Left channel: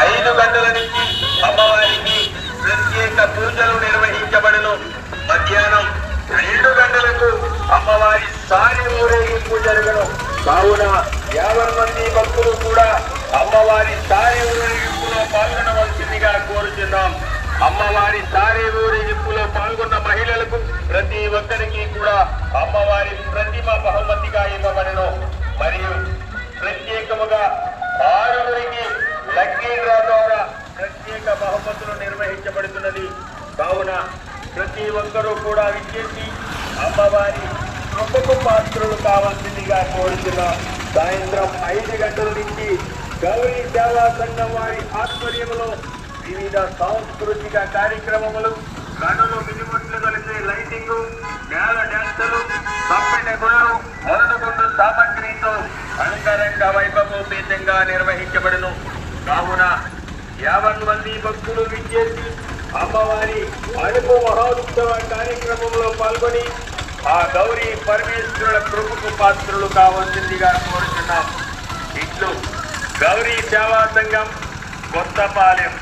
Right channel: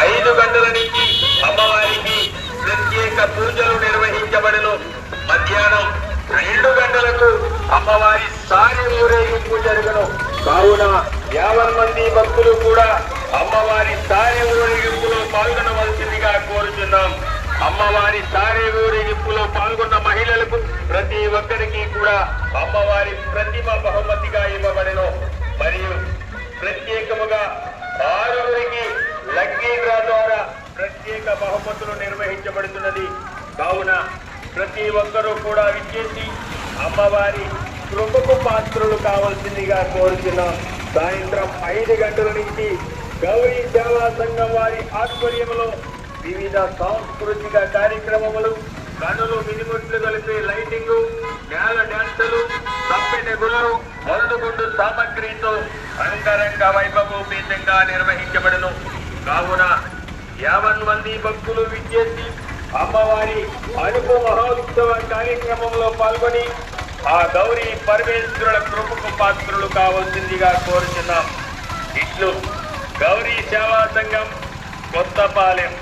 5 గంటల నుంచి అమ్మవారికి ప్రత్యేక పూజలు నిర్వహించబడును. మధ్యాహ్నం 2 గంటలకు అమ్మవారి సారి ఊరేగింపు జరుగును. కావున 50 మంది భక్తులు కూడా అమ్మవారి సారి ఊరేగింపులో పాల్గొనవలసిందిగా కోరుతున్నాం. అమ్మవారి సారి ఊరేగింపులో పాల్గొన్న మహిళలకు ప్రతి ఒక్కరికి కూడా అమ్మవారి ప్రతిమ బహుమతిగా ఇవ్వబడను. మరియు ప్రత్యేకముగా 6 లక్కీ డ్రా ద్వారా ప్రత్యేక బహుమతులు నిర్వహించబడుతున్నది. కావున ప్రతి ఒక్కరూ కూడా విచ్చేసి అమ్మవారి కృపకు పాత్రలు కావాల్సిందిగా కోరుతున్నాం. సాయంత్రం 5 గంటల నుంచి గౌరీ సేవా సంఘం వారి ఆధ్వర్యంలో వివిధ సాంస్కృతిక కార్యక్రమములు, కనులు మినిముట్లు కలిసే లైటింగ్, నేల డ్యాన్సులు, తప్పిన గుళ్ళు, మందుగుండు సామగ్రితో అంగరంగ వైభవోపేతంగా నిర్వహించబడును. కావున 50 మంది భక్తులు విచ్చేసి అమ్మవారి అడుపు మహోత్సవ కార్యక్రమంలో పాల్గొని ఆ గౌరీ పరమేశ్వరుల కృపకు పాత్రులు కావాల్సిందిగా కోరుతున్నాం. ఇట్లు గౌరీ సేవా సంఘం కొత్తపాలెం.